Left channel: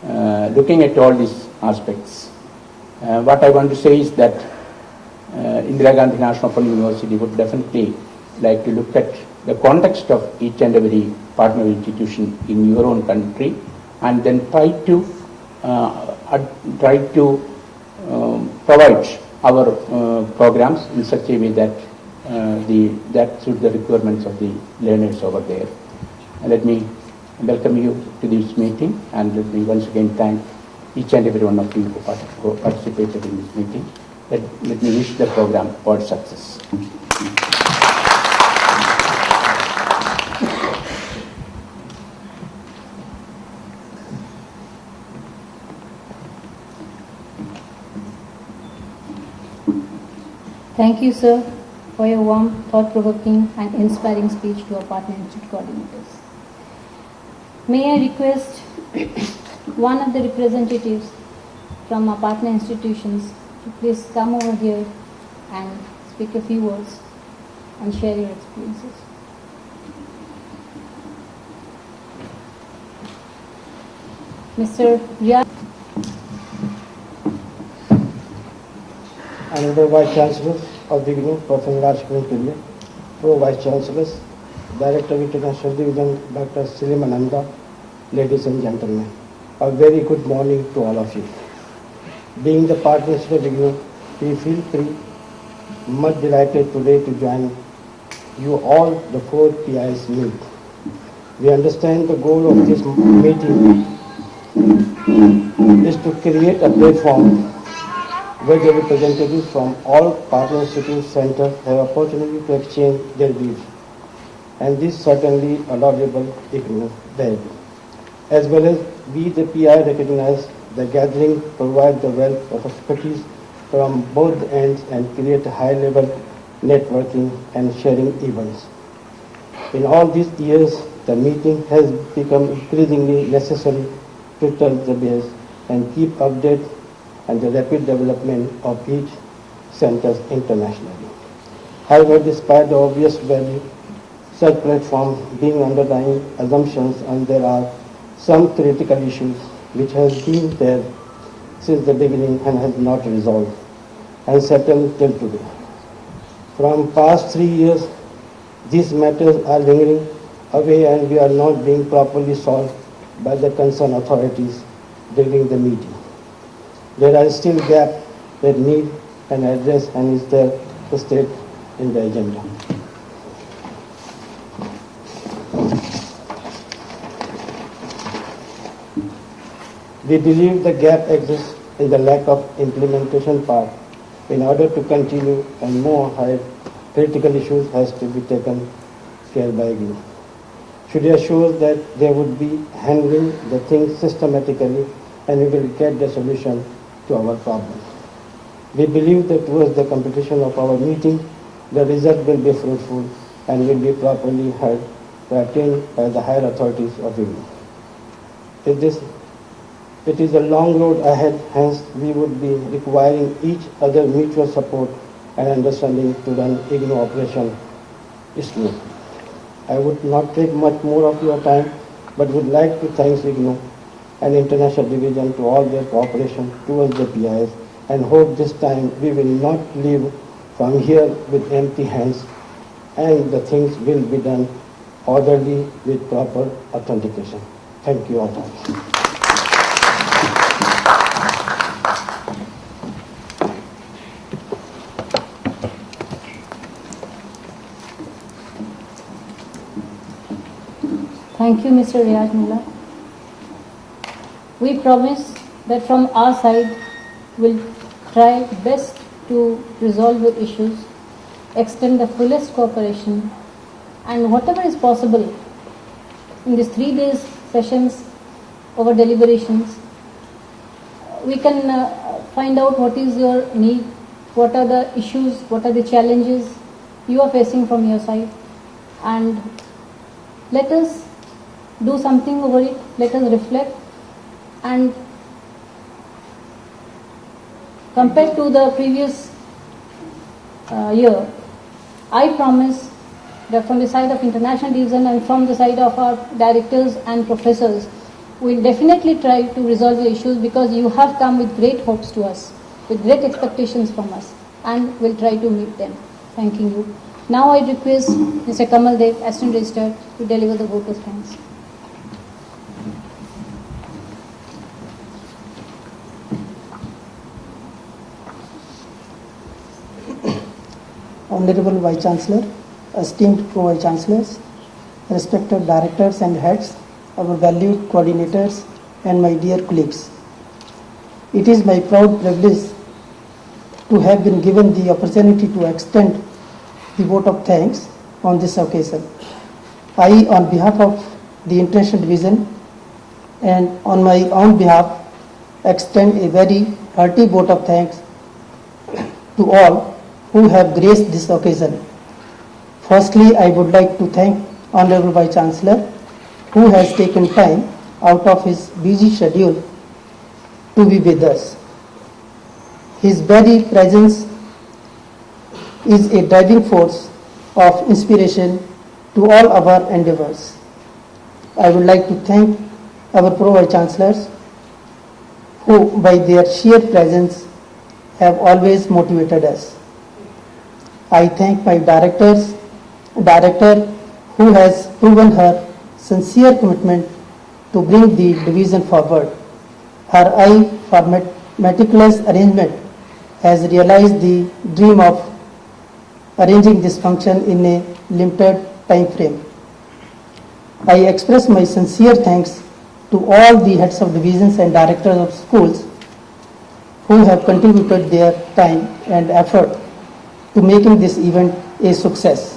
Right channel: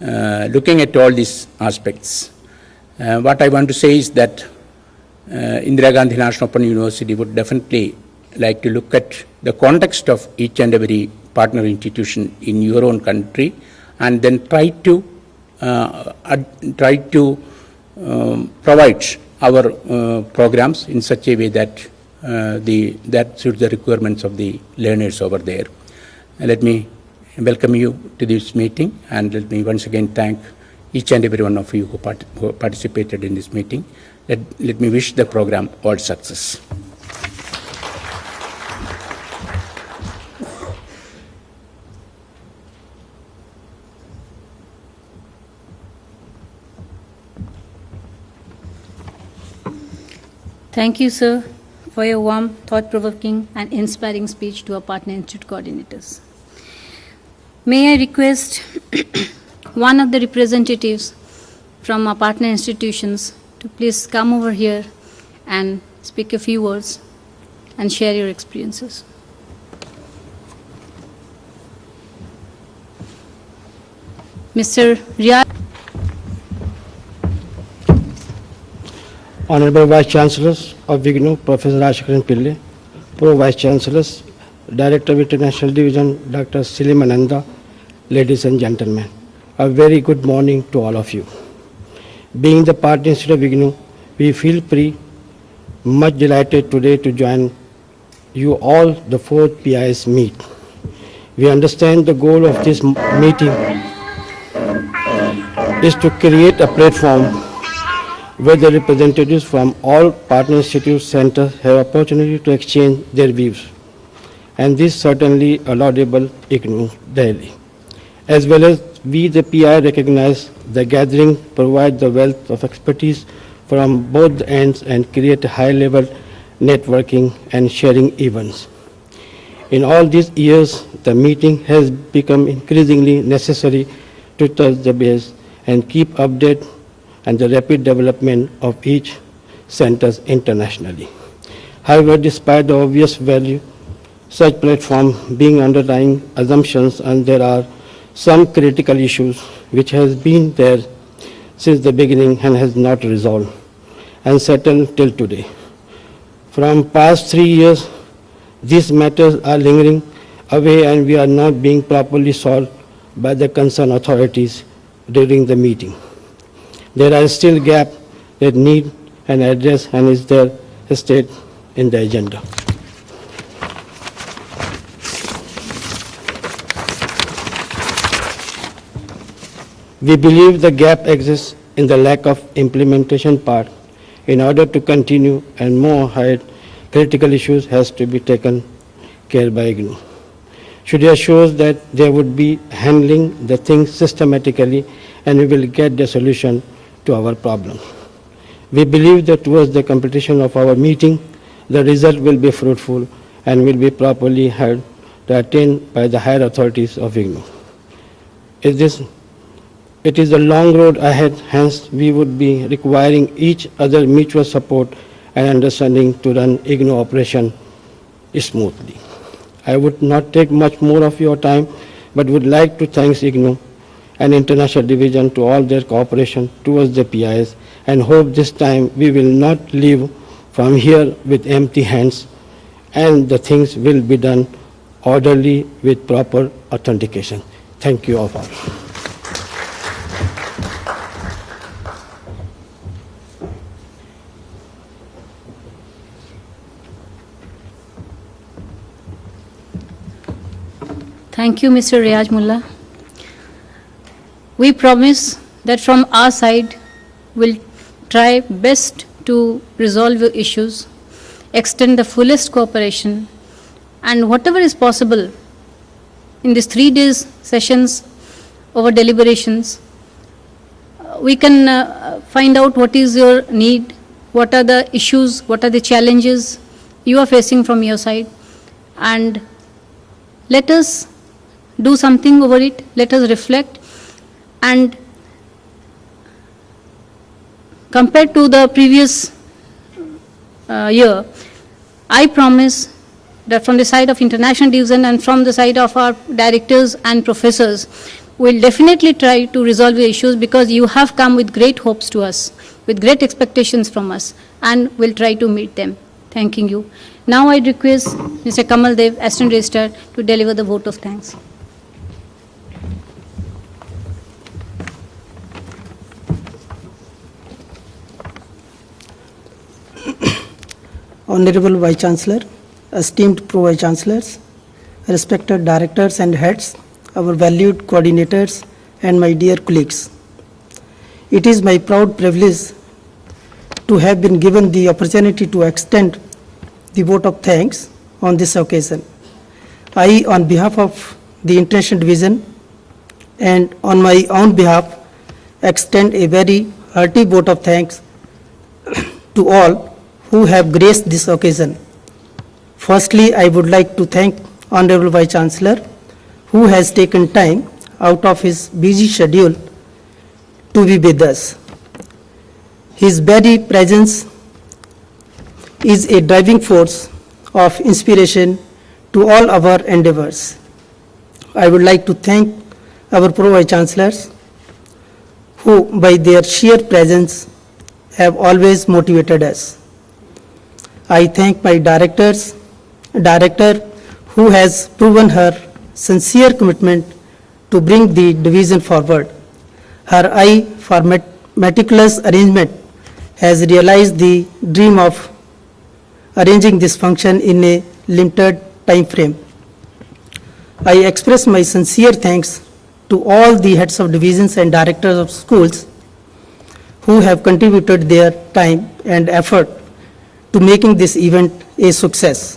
looking at all these aspects, what I want to say is that Indira Gandhi National Open University would definitely like to look at the context of each and every partner institution in your own country, and then try to provide our programs in such a way that that suits the requirements of the learners over there. And let me welcome you to this meeting, and let me once again thank each and every one of you who participated in this meeting. Let me wish the program all success. Thank you, sir, for your warm, thought-provoking and inspiring speech to our partner institute coordinators. May I request one of the representatives from our partner institutions to please come over here and speak a few words and share your experiences. Mr. Riyad. Honorable Vice Chancellors of IGNOU, Professor Ashkaran Pillai, Pro Vice Chancellors, Director of International Division, Dr. Selim Ananda, ladies and gentlemen, a very good morning to all of you. Being the partner institute of IGNOU, we feel much delighted today to join you all the 4 PIs meet. We understand the goal of this meeting is to create a platform where the representatives from all partner institute centers have opportunity to exchange their views. And this certainly a laudable IGNOU daily. As well as we, the PI, recognize the gathering provide the wealth of expertise from both ends and create a high-level networking and sharing events. In all these years, the meeting has become increasingly necessary to touch the base and keep update and the rapid development of each centers internationally. However, despite the obvious value, such platform being underlying assumptions, and there are some critical issues which has been there since the beginning and has not resolved and settled till today. From past 3 years, these matters are lingering away and we are not being properly solved by the concerned authorities during the meeting. There are still gaps that need an address and is there state in the agenda. We believe the gap exists in the lack of implementation part. In order to continue and move ahead, critical issues has to be taken care by IGNOU. Should assure that they would be handling the things systematically and we will get the solution to our problem. We believe that towards the completion of our meeting, the result will be fruitful and will be properly heard to attained by the higher authorities of IGNOU. It is a long road ahead, hence we would be requiring each other mutual support and understanding to run IGNOU operation smoothly. I would not take much more of your time, but would like to thank IGNOU and International Division to all their cooperation towards the PIs, and hope this time we will not leave from here with empty hands and the things will be done orderly with proper authentication. Thank you all. Thank you, Mr. Riyaj Mullah. We promise that from our side, we'll try best to resolve your issues, extend the fullest cooperation, and whatever is possible in these 3 days sessions over deliberations, we can find out what is your need, what are the issues, what are the challenges you are facing from your side, and let us do something over it, let us reflect, and compared to the previous year, I promise that from the side of International Division and from the side of our directors and professors, we'll definitely try to resolve the issues because you have come with great hopes to us, with great expectations from us, and we'll try to meet them. Thanking you. Now I request Mr. Kamal Dev, Assistant Registrar, to deliver the vote of thanks. Honorable Vice Chancellor, esteemed Pro-Vice Chancellors, respected directors and heads, our valued coordinators, and my dear colleagues. It is my proud privilege to have been given the opportunity to extend the vote of thanks on this occasion. I, on behalf of the International Division and on my own behalf, extend a very hearty vote of thanks to all who have graced this occasion. Firstly, I would like to thank Honorable Vice Chancellor, who has taken time out of his busy schedule to be with us. His very presence is a driving force of inspiration to all our endeavors. I would like to thank our Pro-Vice Chancellors, who by their sheer presence have always motivated us. I thank my director who has proven her sincere commitment to bring the division forward. Her eye for meticulous arrangement has realized the dream of arranging this function in a limited time frame. I express my sincere thanks to all the heads of divisions and directors of schools who have contributed their time and effort to making this event a success.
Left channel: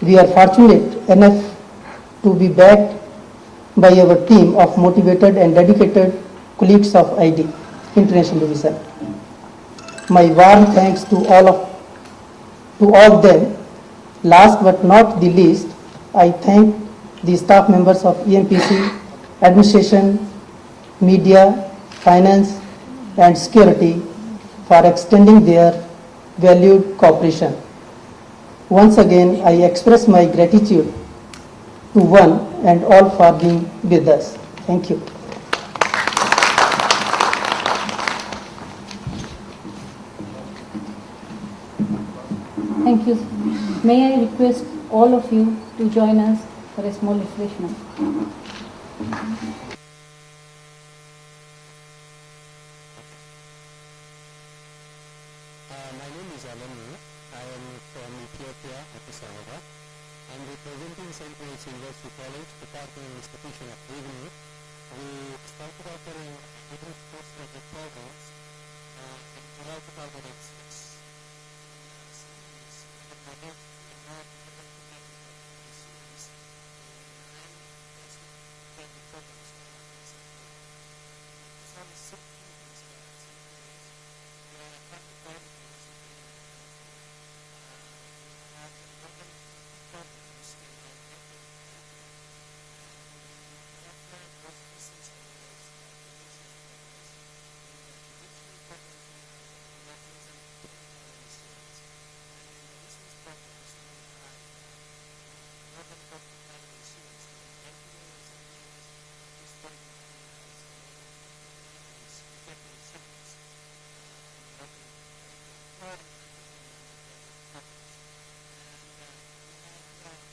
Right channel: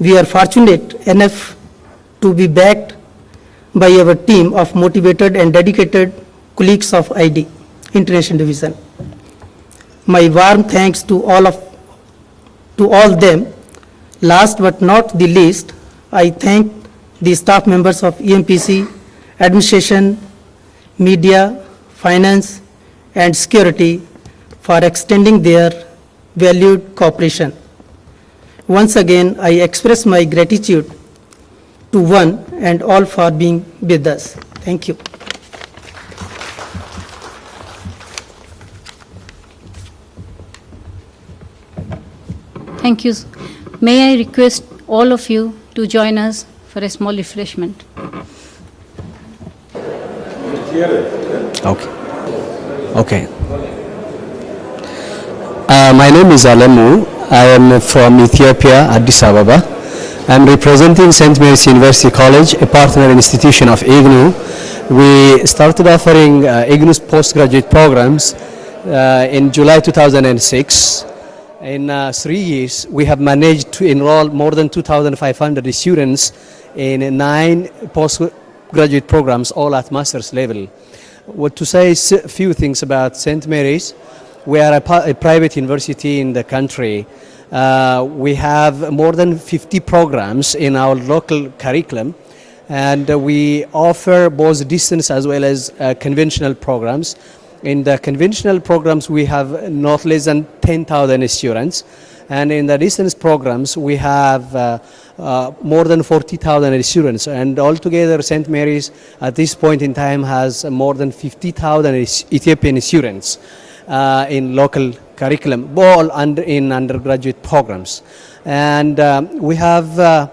We are fortunate enough to be backed by our team of motivated and dedicated colleagues of ID, International Division. My warm thanks to all of them. Last but not the least, I thank the staff members of EMPC, administration, media, finance, and security for extending their valued cooperation. Once again, I express my gratitude to one and all for being with us. Thank you. Thank you. May I request all of you to join us for a small refreshment. Okay. My name is Alemu. I am from Ethiopia, Addis Ababa. I am representing St. Mary's University College, a partner institution of IGNU. We started offering IGNU's postgraduate programs in July 2006. In 3 years, we have managed to enroll more than 2,500 students in 9 postgraduate programs, all at master's level. What to say is a few things about St. Mary's. We are a private university in the country. We have more than 50 programs in our local curriculum, and we offer both distance as well as conventional programs. In the conventional programs, we have not less than 10,000 students, and in the distance programs, we have more than 40,000 students, and altogether St. Mary's at this point in time has more than 50,000 Ethiopian students in local curriculum, all in undergraduate programs. And we have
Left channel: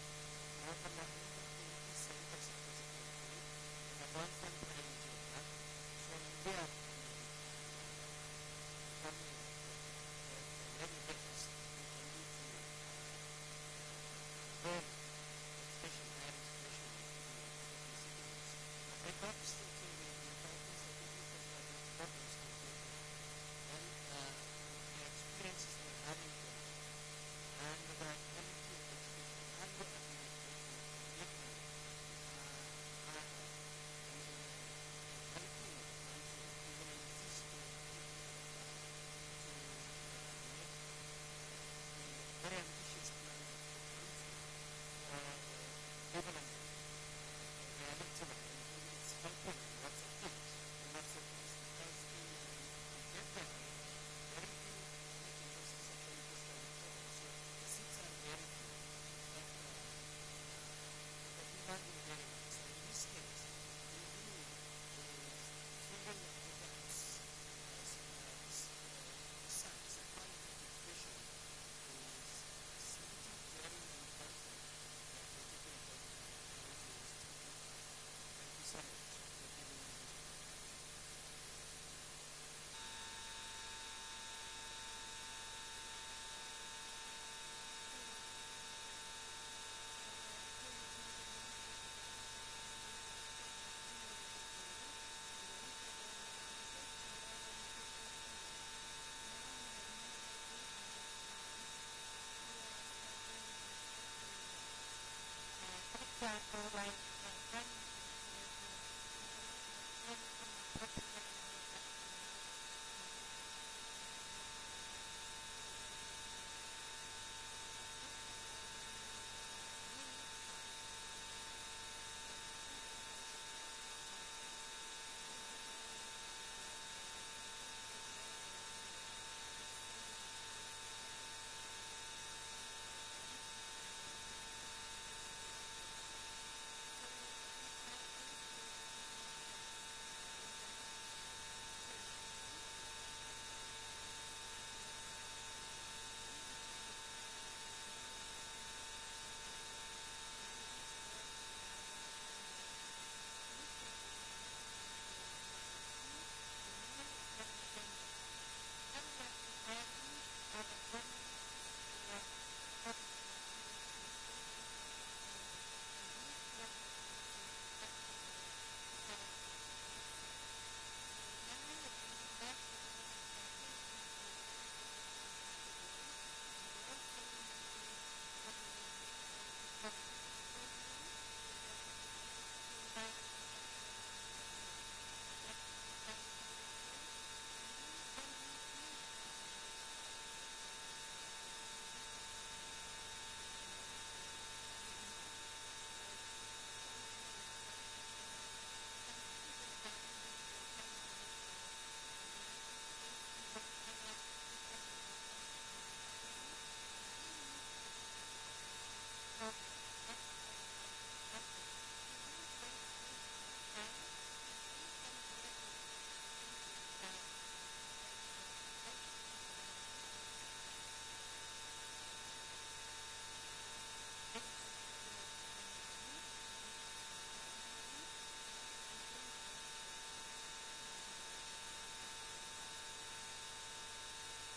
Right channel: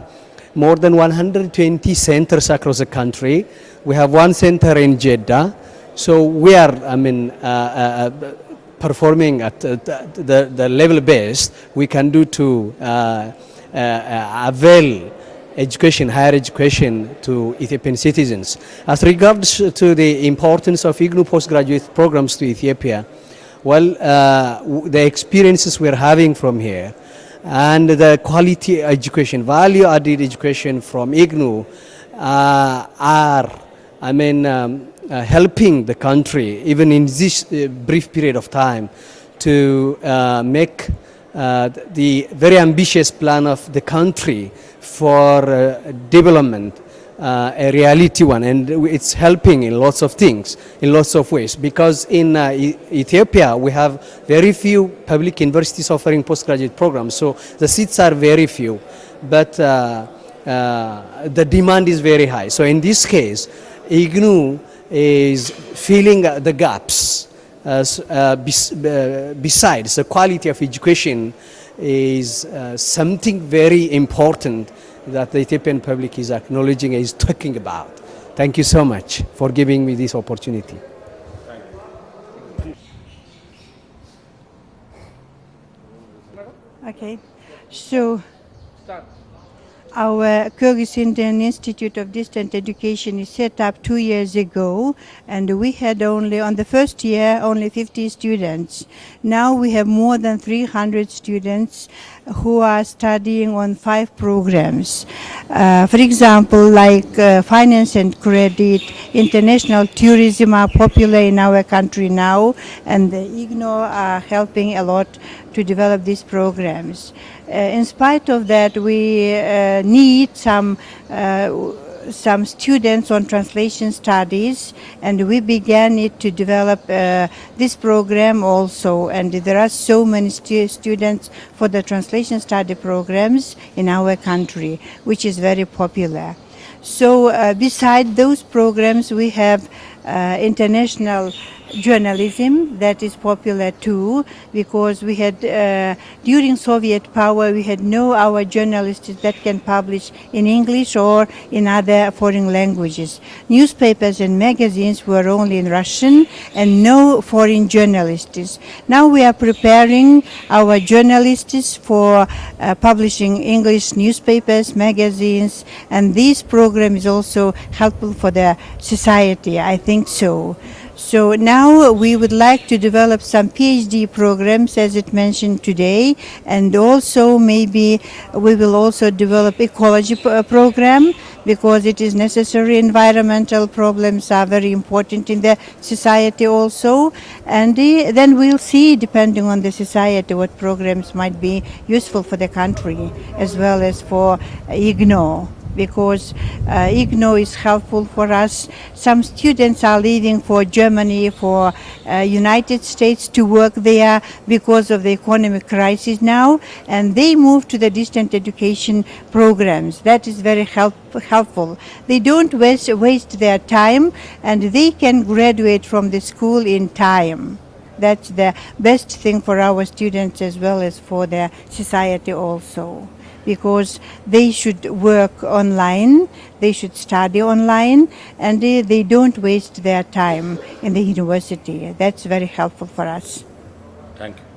more than 120 centers across the country. We have one center in Jeddah. So we are, performing at the level best we can do to avail education, higher education to Ethiopian citizens. As regards to the importance of IGNU postgraduate programs to Ethiopia, well, the experiences we're having from here and the quality education, value-added education from IGNU are, helping the country, even in this brief period of time, to make the very ambitious plan of the country for development a reality one, and it's helping in lots of things, in lots of ways, because in Ethiopia we have very few public universities offering postgraduate programs, so the seats are very few, but the demand is very high. So in this case, IGNU is filling the gaps. Besides, the quality of education is something very important that the Ethiopian public is acknowledging and is talking about. Thank you so much for giving me this opportunity. Okay, so our Kyrgyz Indian Institute of Distant Education is set up 2 years ago, and we had only, on the first year, only 50 students. Now we have more than 300 students who are studying on 5 programs. For example, like finance and credit, international tourism are popular in our country now, and the IGNO are helping a lot to develop these programs. In spite of that, we need some students on translation studies, and we began it to develop this program also. And there are so many students for the translation study programs in our country, which is very popular. So beside those programs, we have international journalism that is popular too, because we had during Soviet power we had no our journalists that can publish in English or in other foreign languages. Newspapers and magazines were only in Russian and no foreign journalists. Now we are preparing our journalists for publishing English newspapers, magazines, and this program is also helpful for the society, I think so. So now we would like to develop some PhD programs, as it mentioned today, and also maybe we will also develop ecology program, because it is necessary. Environmental problems are very important in the society also, and then we'll see, depending on the society, what programs might be useful for the country as well as for IGNO. Because IGNO is helpful for us. Some students are leaving for Germany, for United States to work there because of the economic crisis now, and they move to the distant education programs. That is very helpful. They don't waste their time, and they can graduate from the school in time. That's the best thing for our students as well as for the society also, because they should work online, they should study online, and they don't waste their time in the university. That's very helpful for us. Thank you.